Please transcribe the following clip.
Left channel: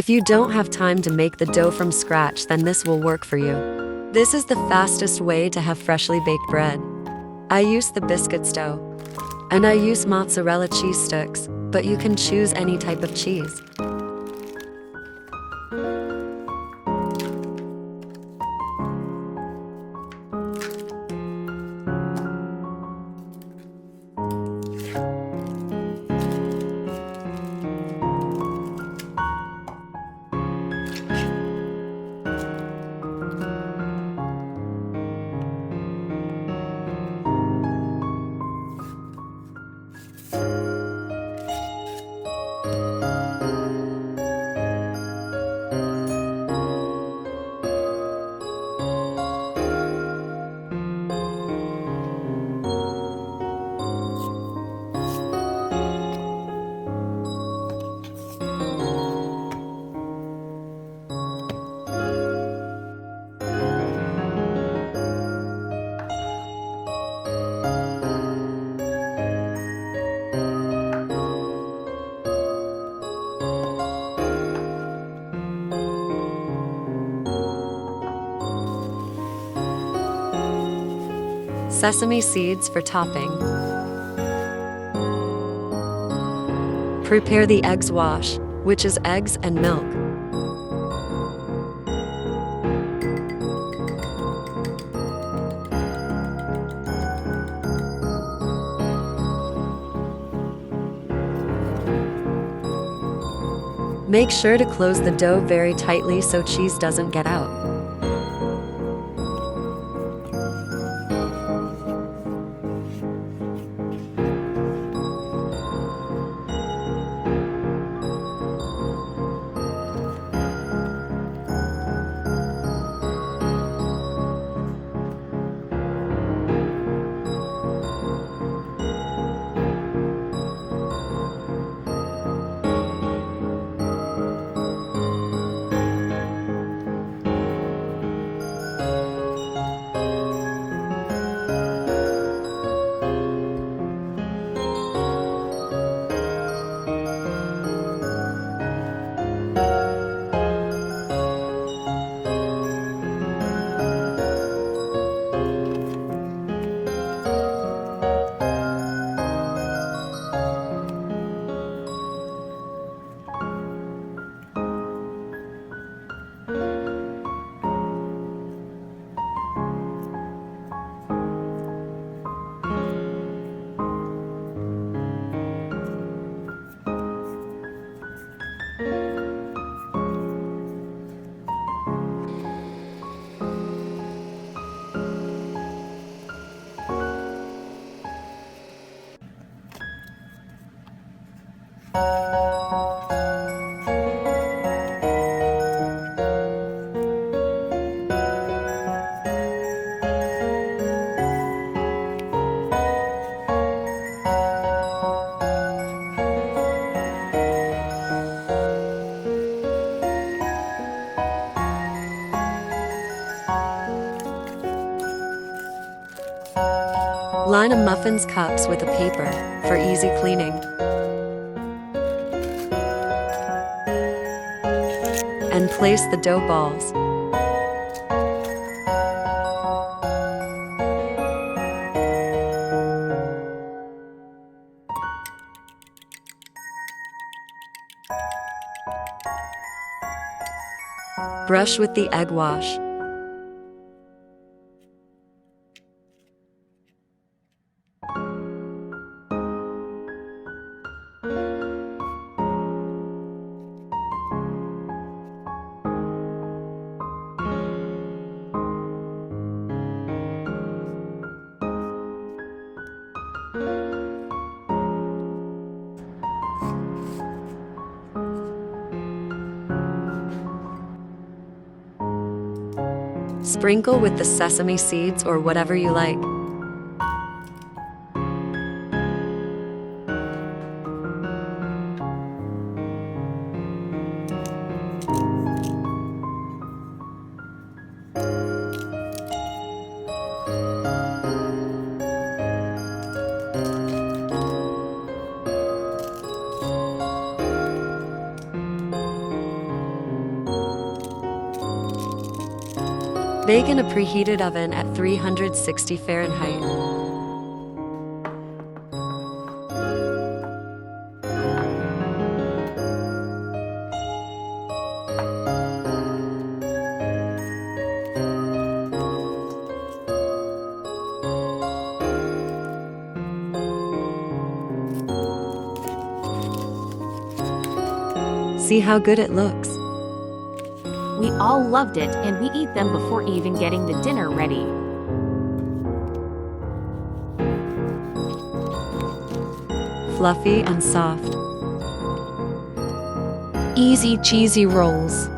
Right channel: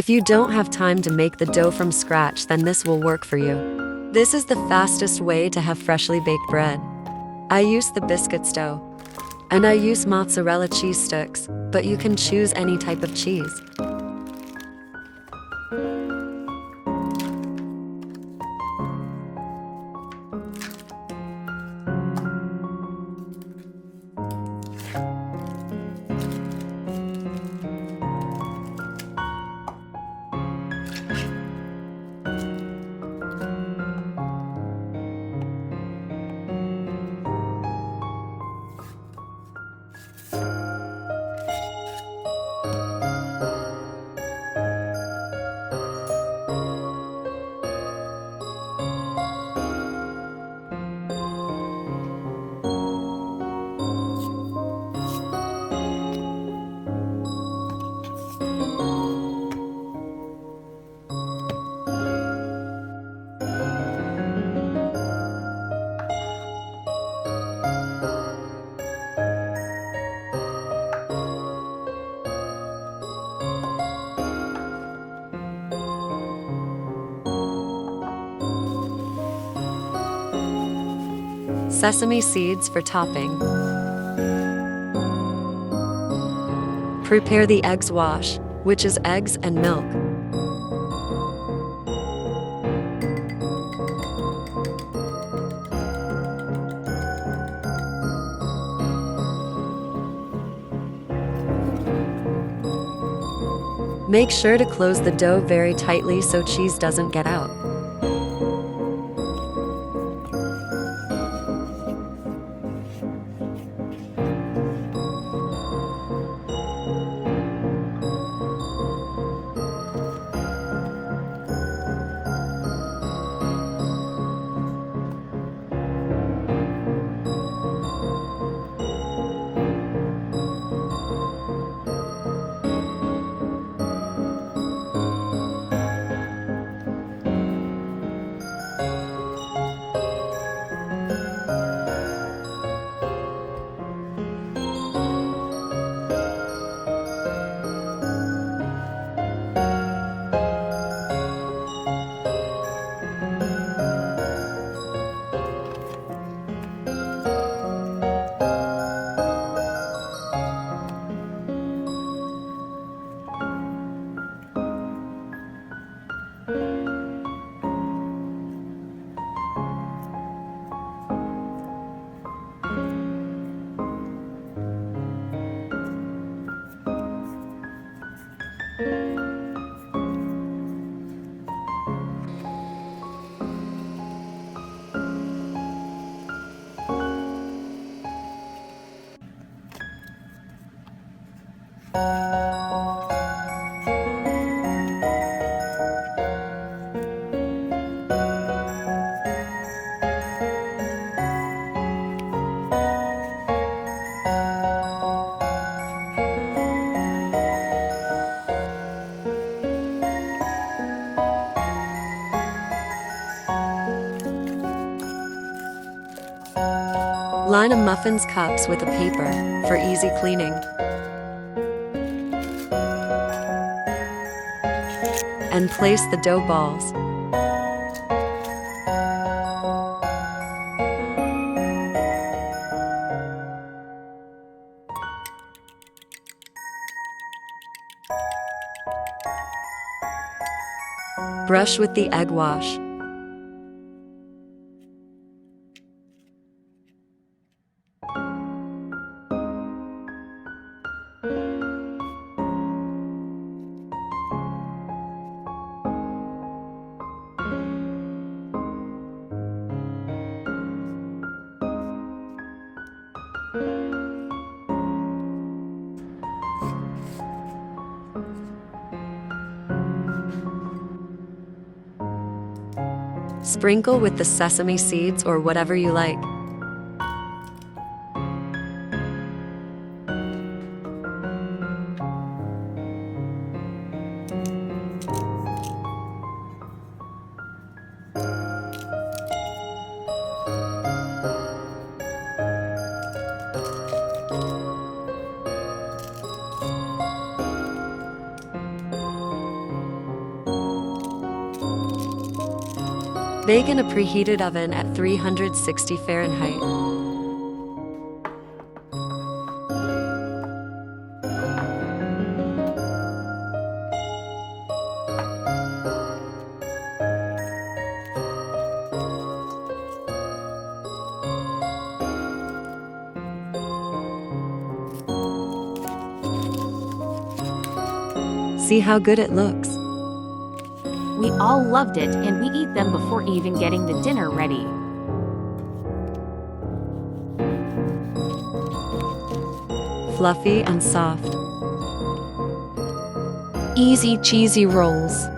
If you don't have time to make the dough from scratch, then this will work for you. This is the fastest way to have freshly baked bread. I use the biscuits dough. And I use mozzarella cheese sticks, but you can choose any type of cheese. Sesame seeds for topping. Prepare the eggs wash, which is eggs and milk. Make sure to close the dough very tightly so cheese doesn't get out. Line a muffin's cups with a paper for easy cleaning. And place the dough balls. Brush with the egg wash. Sprinkle with the sesame seeds or whatever you like. Bake in a preheated oven at 360 Fahrenheit. See how good it looks. We all loved it and we eat them before even getting the dinner ready. Fluffy and soft. Easy cheesy rolls.